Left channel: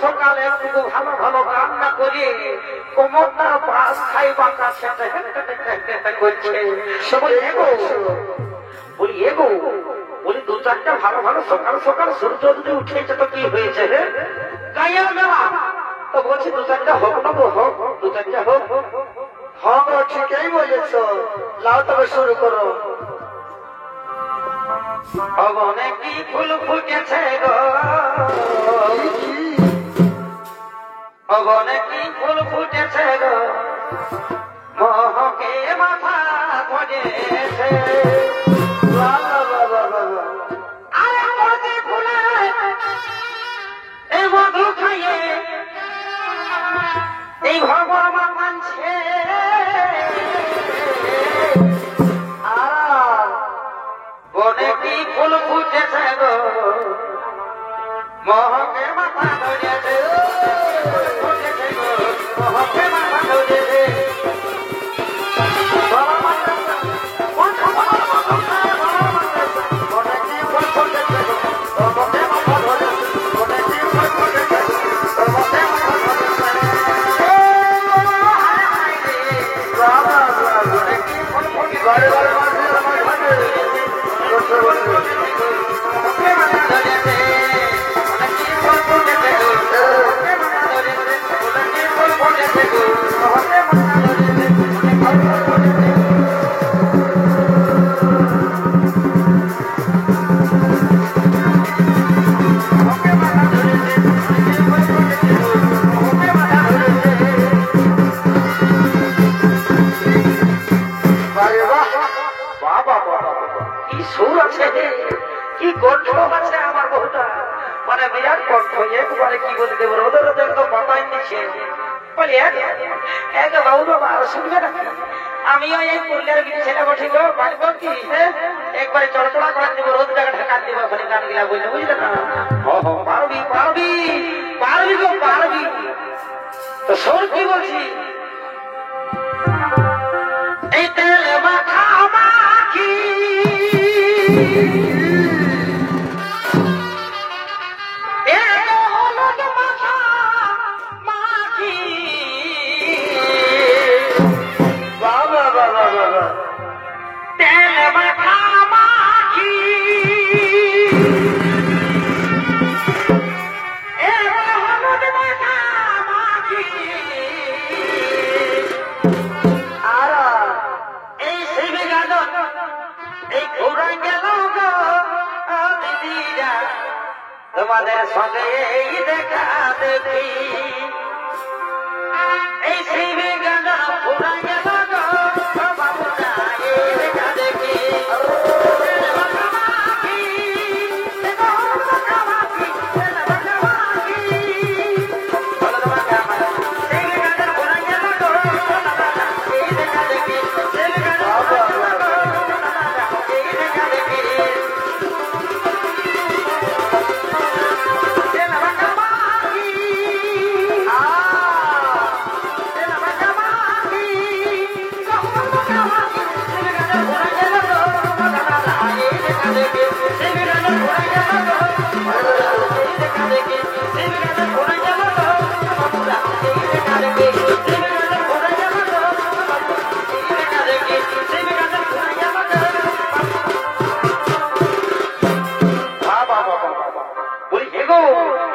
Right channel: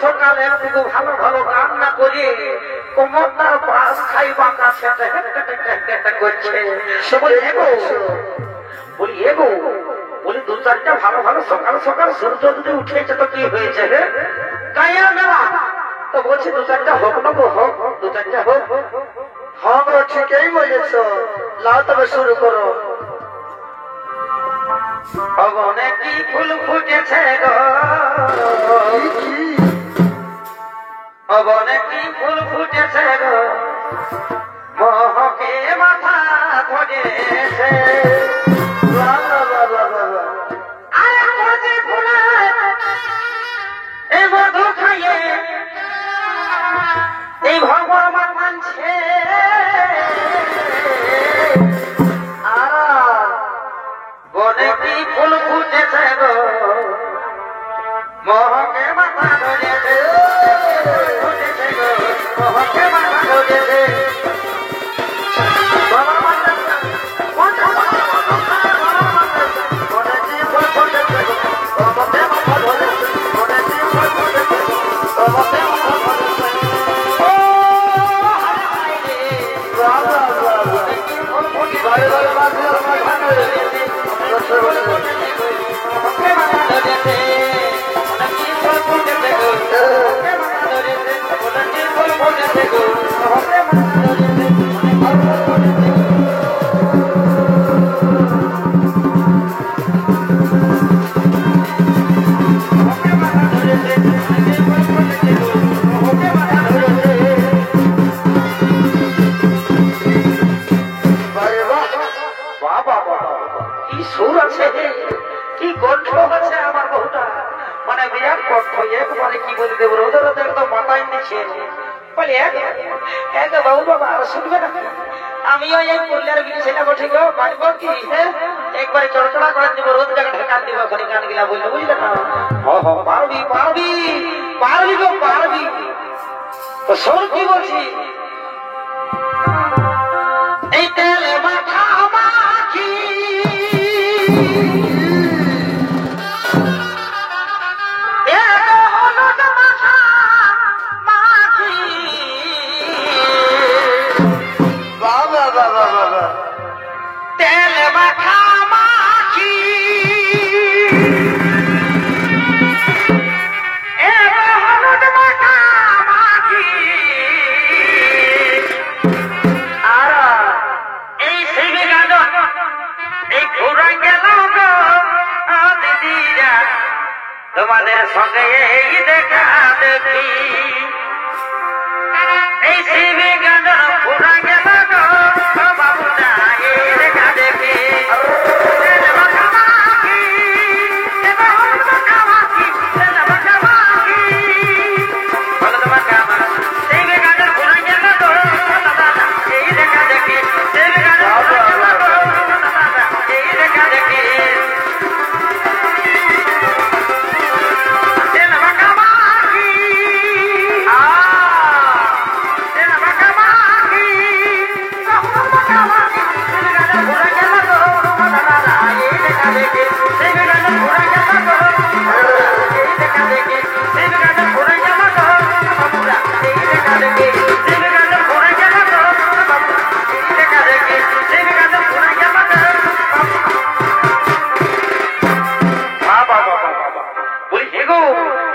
সকাল একটু ভালো ভালো রান্না করে কোমরটার পাশ খাই বাঁকা করছে সে বলে বলি এগো বলি দু চারটা ভালো ভালো সকাল সকাল সূর্য যদি উঠেছে তো কি হয়েছে গাইয়া মেলা তো বলছি দু চারটা হোক নেবো হোক দু চারটা হোক হ্যাঁ গো ঠিকই বলেছ লাও তবে শুরু করো অনেক কি ফুল ফুটেছে গো অনেক কি ফুল ফুটেছে গো মহকে মাথা ধরেছে আরে মজে ফুলে এই মধু খাইয়ে এই ভগবান মানছে অনেক কি ফুল ফুটেছে গো মহকে মাথা ধরেছে মহকে মাথা ধরেছে কি গন্ধ আছে আমার বহুটা মানে বিরাট কষ্ট একবারে কি বলতে রোদের রোদের তো মাথায় নিচ্ছে বলে এক বাবু বাবা শুনবে না আমিও এই করলে সেটা ঠিক পারবো কি একবারে চড়চড়া করার জন্য রোদ জায়গা ঢাকা দিব খালি গান গিলা বললে বুঝলে না পারবি পারবি পারবি গো পারবি তো শোন কি বলছি এই তেলে মাথা মাখি তোমাদের সঙ্গে এই দেখা দেখি এই শিবে গাঁজা পুরা গেল বাবু না এই দেখা দেখি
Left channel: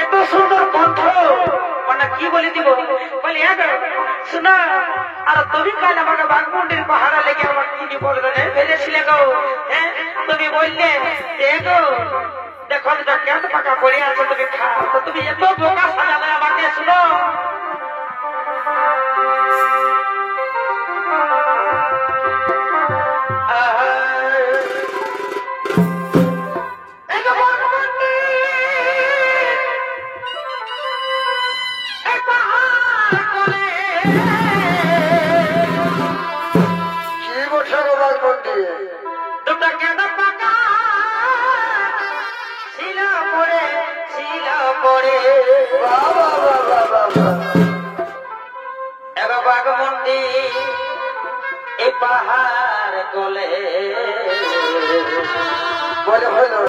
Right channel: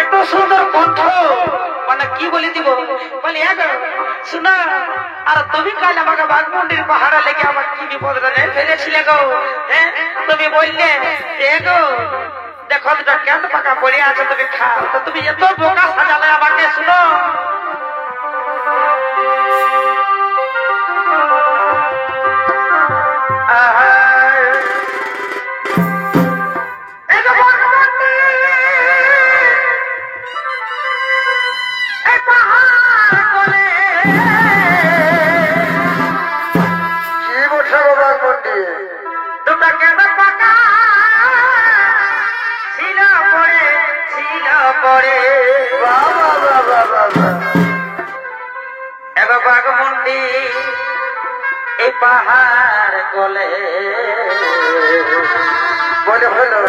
এত সুন্দর কণ্ঠ মানে কি বলে দিব বলি শোনো আর তুমি কাল আমাকে বাঘমুন্ডির পাহাড়ে লেগে আমার কি বিপদ ফেলেছিলে গো হ্যাঁ তুমি বললে গো দেখো কেন পাকা পড়ে আছে তুমি খাও তো তুমি এত বোকা সাজালে আমাকে শুনো বাঘমুন্ডি এই পাহাড় গলে বলে হলো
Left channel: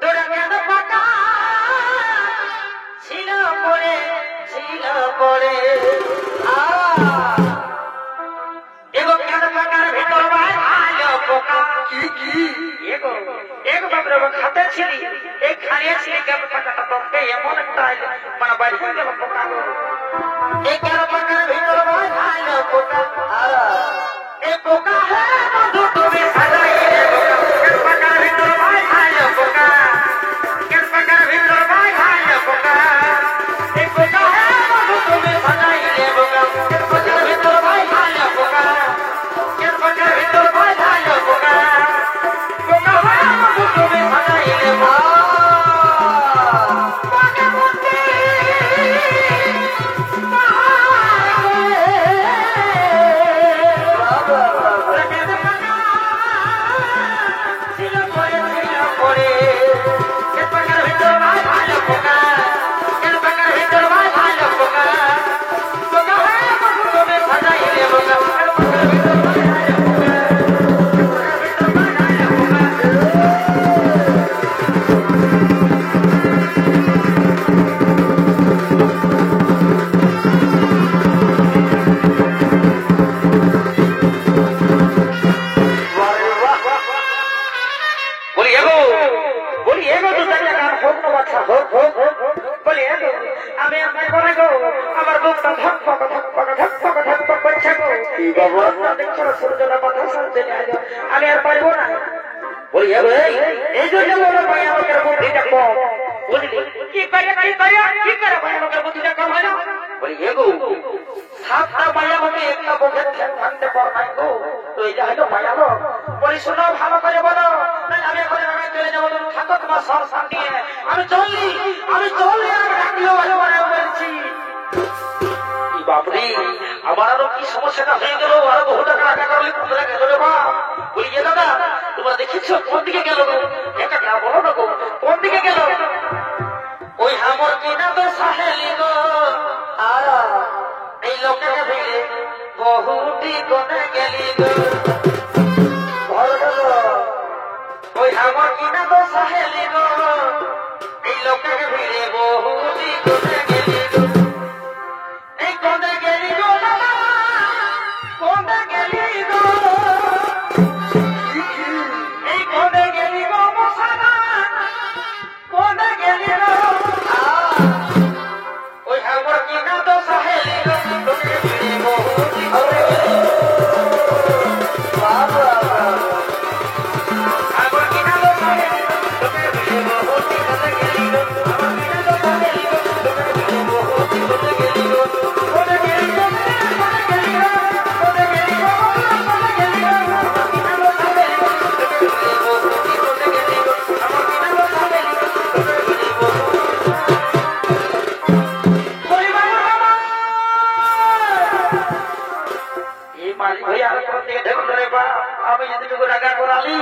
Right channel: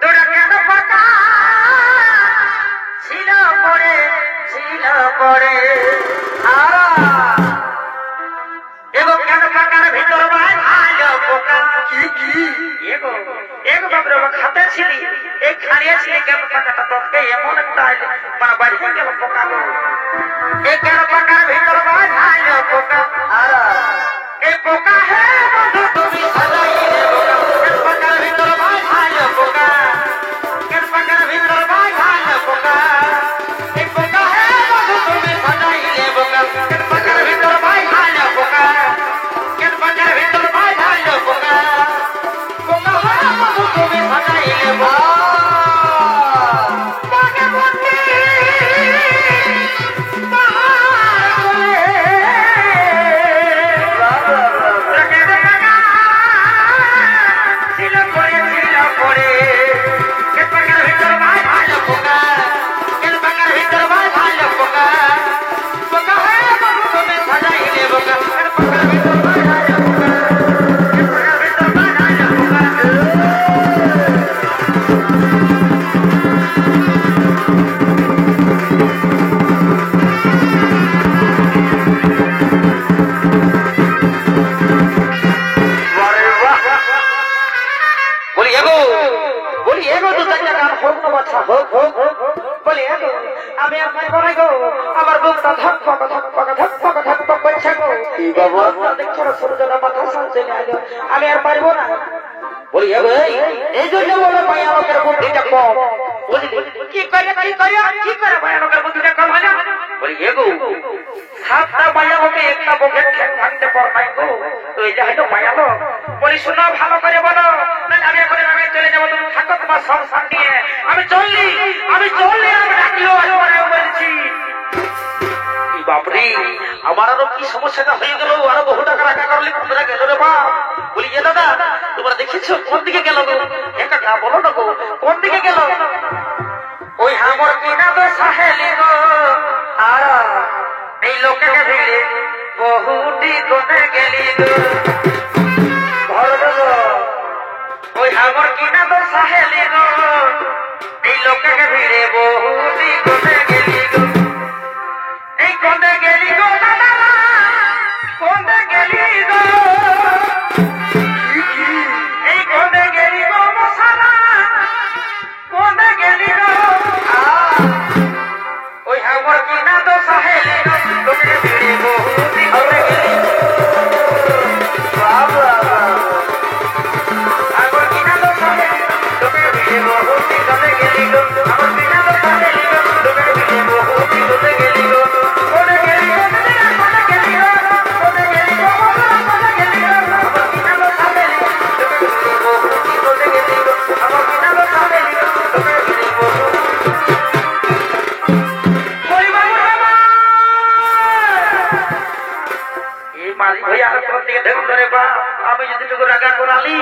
তোরা কেন পাকা ছিল পড়ে এগো কেন পাকার ভিতর ভাই আলো পোকা কি এগো বাপরে খাতে ছিলি এই খাড়িয়ে ছিলি কেন পাকাটা তোকে এমন একটা মানে বাড়ি হয়ে গেল পোকা গো এই কেন পাকার ভিতর ভাই আলো পোকা এই পোকা হে বন্ধু তুমি পাকার ভিতর ভাই আলো পোকা কেন পাকার ভিতর ভাই আলো পোকা এই পোকা হে বন্ধু তুমি ভাগাইলে পোকা কেন পাকার ভিতর ভাই আলো পোকা কেন পাকার ভিতর ভাই আলো পোকা পোকা হে বন্ধু তুমি ভাগাইলে পোকা আমার বুকটা ধক ধক ধক ধক ধক ধক ধক করছে গো কি বাবা দেখছো না সূর্যটা মাথা সামনে আগে আমি আর পারবো না বলি এই জন্য বড় ভাই আমাদের বুদ্ধিটা কম বুঝলি কি করে ভাই আমাদের বুদ্ধিটা কম হয় না বলি এগো সাতটা মায়া হবে একটা বকের ঠ্যাং ভাঙতে পারবাই গো তো এই যাই তো মায়া লোক বলি শোনো ভালো করে বলো নাহলে আমি এখন আমি চলে যাবো তুমি থাকো তোমার সংসার নিয়ে আমি চললি আমি ডাকলেও বলছি বাপরে আমার আরো কি সমস্যাটা হয়ে গেল আরো বহু টাকা রাখা করলে তোমরা গেল রে মা বলি দাদা তোমরা দেখেছো কোন দিকে গেল একটা না বলো না গো কোন দিকে গেল ওই আমার কিনা তো সাহেলি গো আর এই লোকের ভিড়ে বহুটি কোনে গেলি গো ওই আমার কিনা তো সাহেলি গো এই লোকের ভিড়ে বহুটি কোনে গেলি গো এই কোনে গেলি গো দাদা কোনে গেলি গো এই কোনে গেলি গো মশালা কোনে গেলি গো ওই আমার কিনা তো সাহেলি গো লোকের ভিড়ে বহুটি কোনে গেলি আমার কিনা তো সাহেলি লোকের ভিড়ে বহুটি কোনে গেলি গো আমার কিনা তো সাহেলি লোকের ভিড়ে বহুটি কোনে গেলি গো আমি যদি টুকু রাগা করালি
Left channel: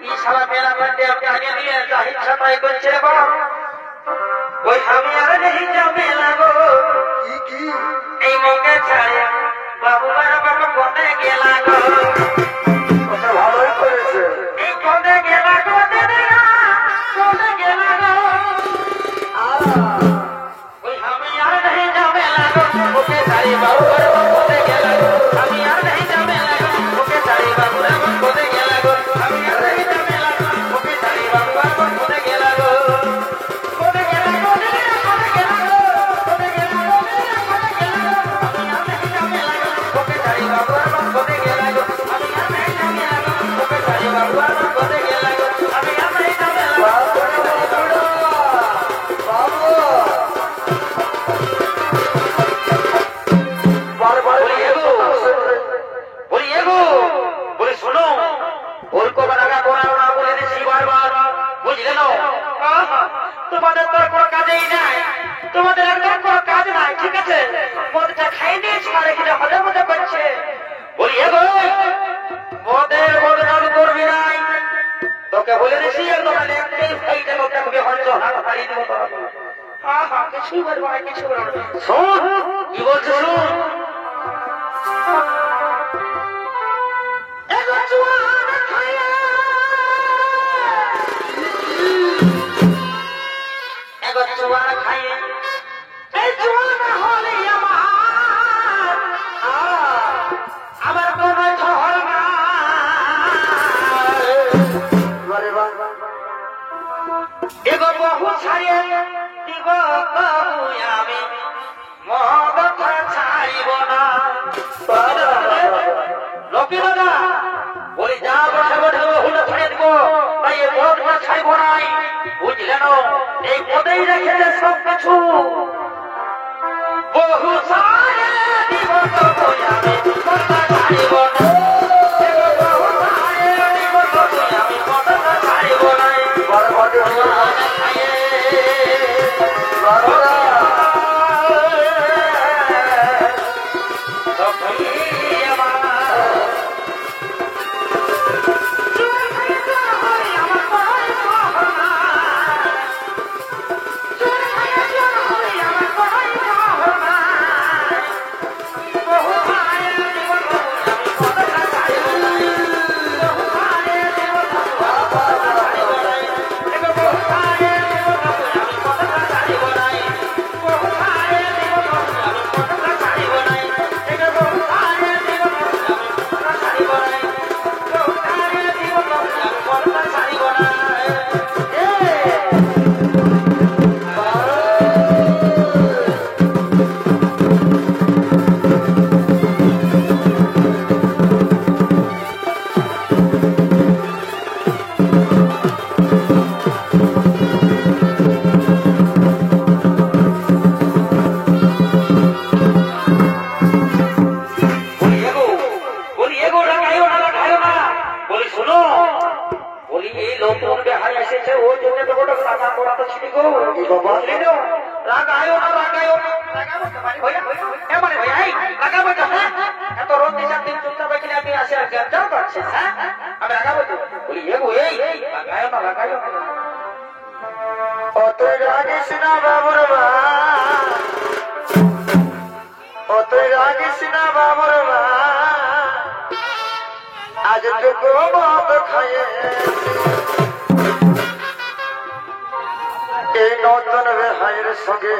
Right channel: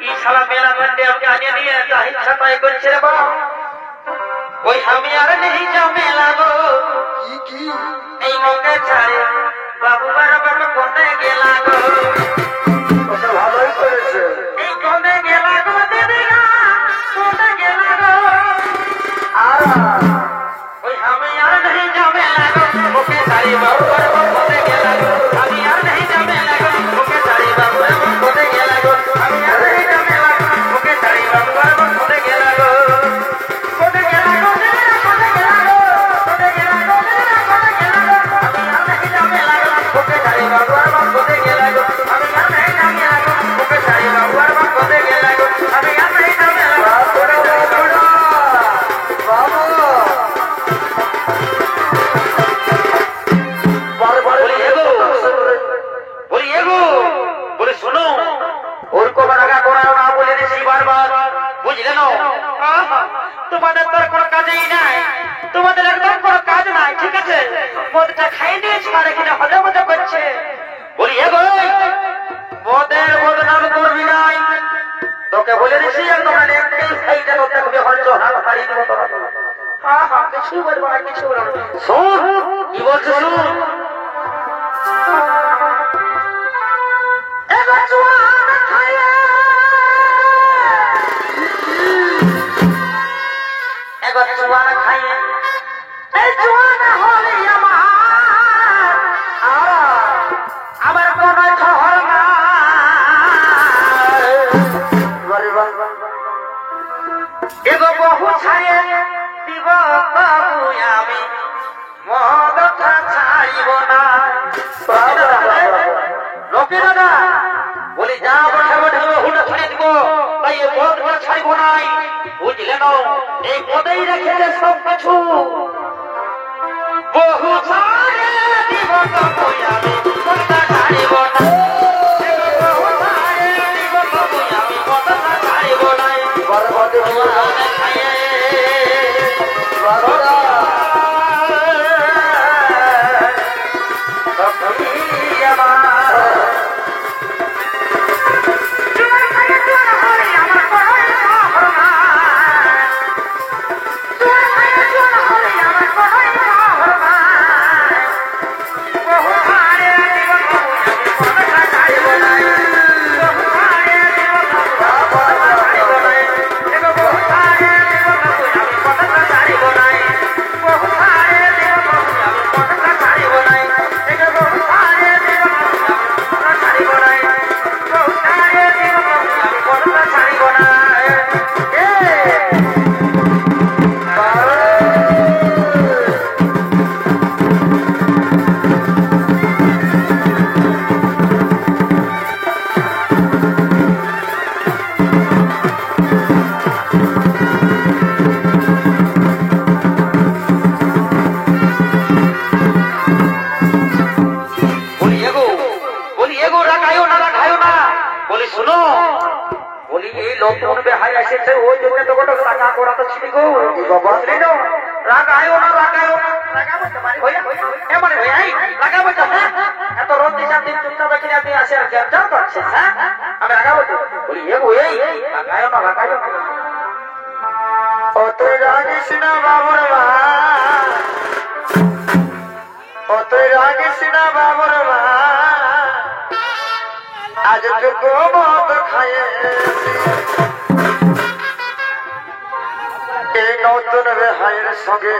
ই সারা মেলা মেলতে আমাকে আনিয়ে নিয়ে জাহিদ ছাপাই করছে রে বাপ ওই আমি আর নেই জমে লাগো কি এই মৌকে ছাড়ে বাবু বাবা কোনে গেলা গো ওটা ভালোই করেছে এই কোনে গেলা গো দিদিগা কোনে গেলা গো আর ওই আমি আর নেই জমে লাগো ওকে ছাড়ে বাবু বাবা কোনে গেলা গো আমি আর নেই জমে লাগো ওকে ছাড়ে বাবু বাবা কোনে গেলা গো আমি আর নেই জমে লাগো ওকে ছাড়ে বাবু বাবা কোনে গেলা গো কোনে গেলা গো কোনে গেলা গো কোনে গেলা গো কোনে গেলা গো আমি আর নেই জমে লাগো ওকে ছাড়ে বাবু বাবা কোনে গেলা গো আমি আর নেই জমে লাগো ওকে ছাড়ে বাবু বাবা কোনে গেলা গো আমি আর নেই জমে লাগো তোমাদের তো কোনো কাজেই নাই তোমাদের একদম কোনো কাজ নাই ঠিক আছে মদটা খাই নিয়েছি মানে কিনা হজম হজম করছে বলি মদের বদনাম করবি নাই তোকে বলে দিছি তোমার একটাই খাইতে তোকে হবে হয়তো হাত হারিয়ে দেবো কিছুই বলবো না কিছু বলবো শোন কি বলছো শুনুন এই জোয়ান হলে আমার কোন ঘর না এগো বহু ছাড়িয়ে দিব বাবু আমি মদটা ছাড়িব না রকি দাদা বলি যা বসে বসে হুটা শুনে দিব তাই মদটা ছাড়িব নাই বুঝলে না এই মদেই রেখেছে সব কিছু বহু ছাড়িয়ে দিব বাবু আমি মদটা ছাড়িব না সঙ্গে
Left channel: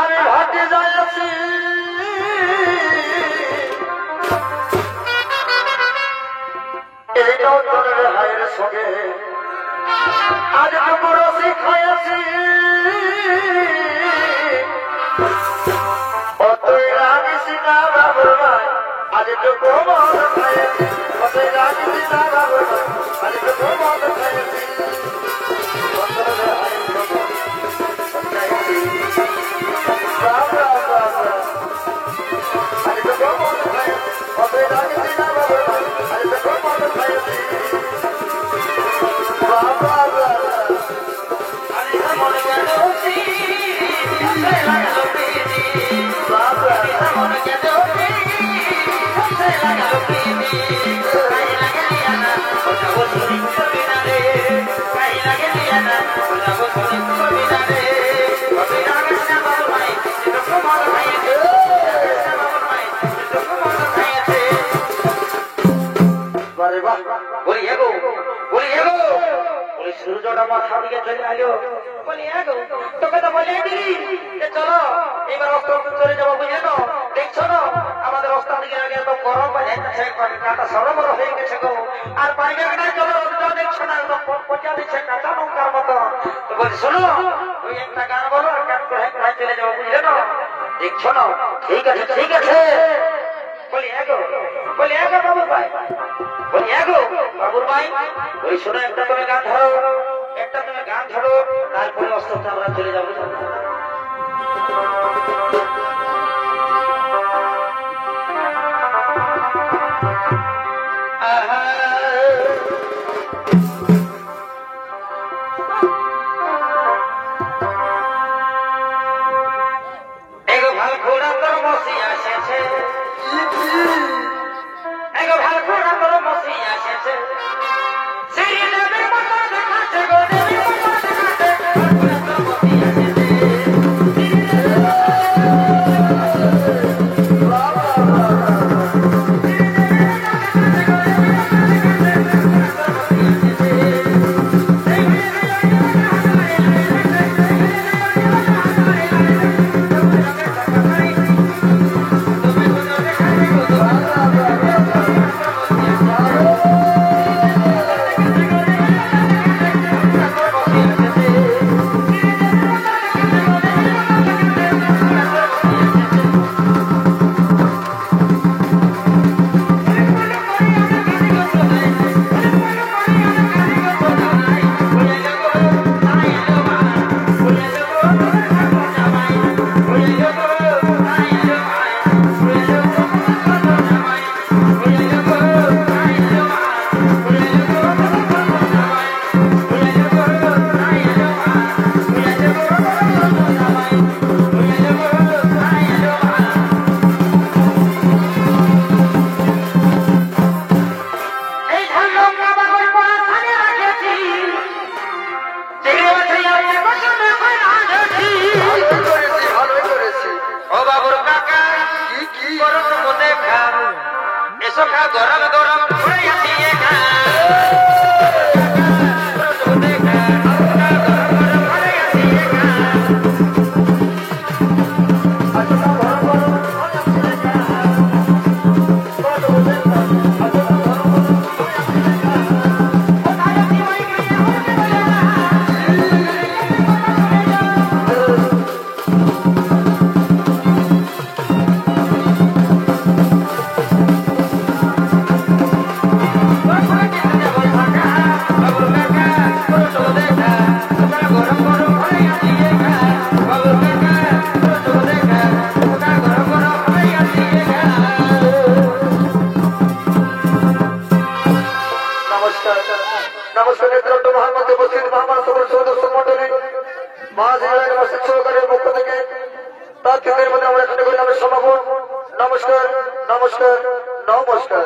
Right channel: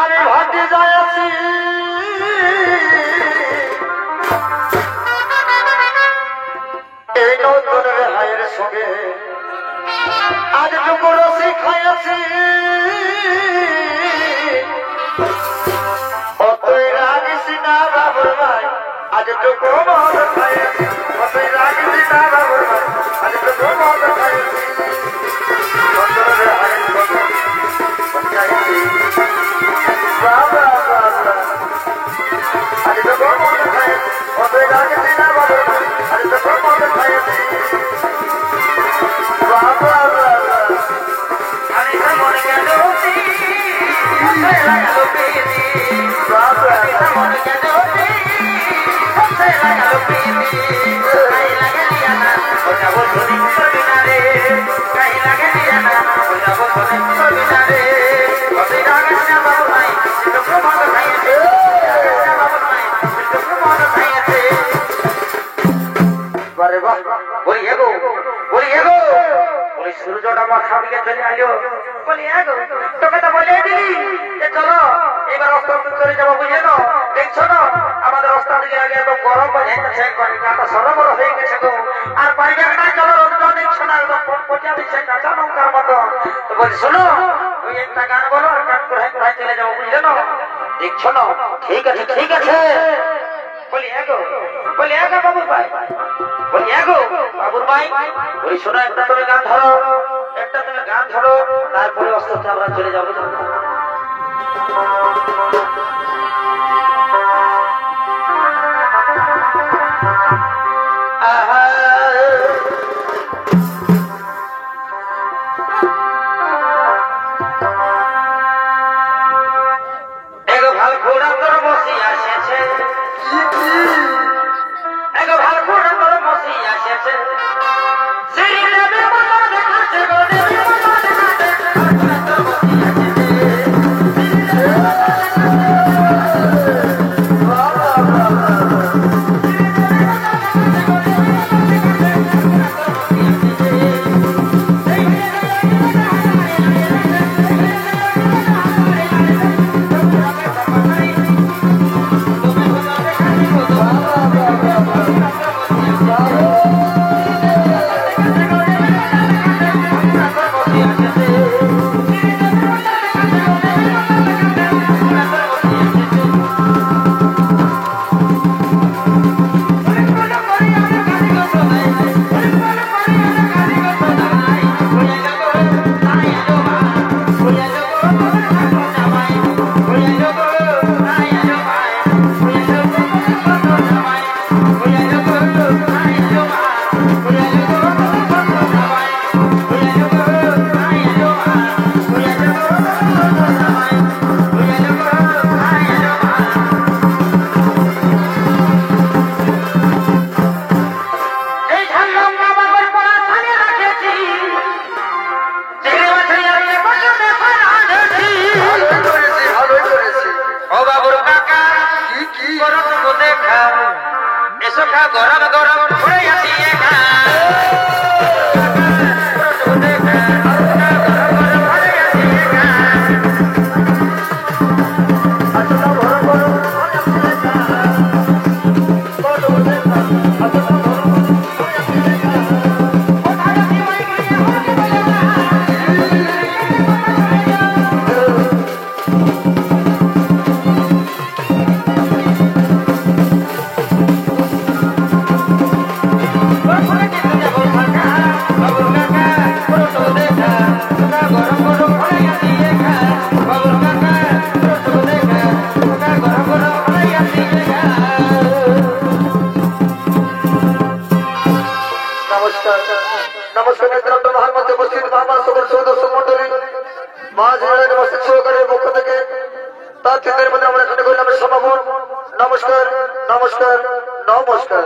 আমি ভাটি যাচ্ছি এই নতুন রেহাইয়ের সঙ্গে আজ টুকুরো শিখাইছি অতই রাগিস না বাবুর ভাই আজ টুকু মদ খাইছি অতই রাগিস না বাবুর ভাই আজ টুকু মদ খাইছি নতুন রেহাইয়ের সঙ্গে বাবা বাবা আজ টুকু মদ খাইছি অতই রাগিস না বাবুর ভাই আজ টুকু মদ খাইছি বাবা সূর্যটা মাথা দিকে চলে আলো বলি তোকে তো বলে দিলি যে চলো এবার অস্ত্র চলে যাবো বুঝে তো দেখছো না আমাদের অস্ত্র দিকে আগে একদম গরম হয়ে যাচ্ছে কাঁটা সরো বড় হয়ে গেছে গো আর পাইবে না চলো রোদ দেখছো না একদম পটিয়া দিচ্ছে কাঁচা লঙ্কার মতো তো বলি শোনো তুই একটা গান বলো আর গান করে চলে যাবো বুঝলে না দেখছো না ঠিক আছে ঠিক আছে বলি বলি বাবুর ভাই বলি বাবুর ভাই বলি শোনো একটা তুমি গান ধরো একটা তুমি গান ধরো তারপরে অস্ত্রকে আমরা চলে যাবো এগো ভাল ঘোড়া তোর বসি আসেছে এগো ভাল ঘোড়া তোর বসি আসেছে গীতের মধ্যে আমরা শুনে করলাম সমাপন। নমস্কার, নমস্কার, নমস্কার।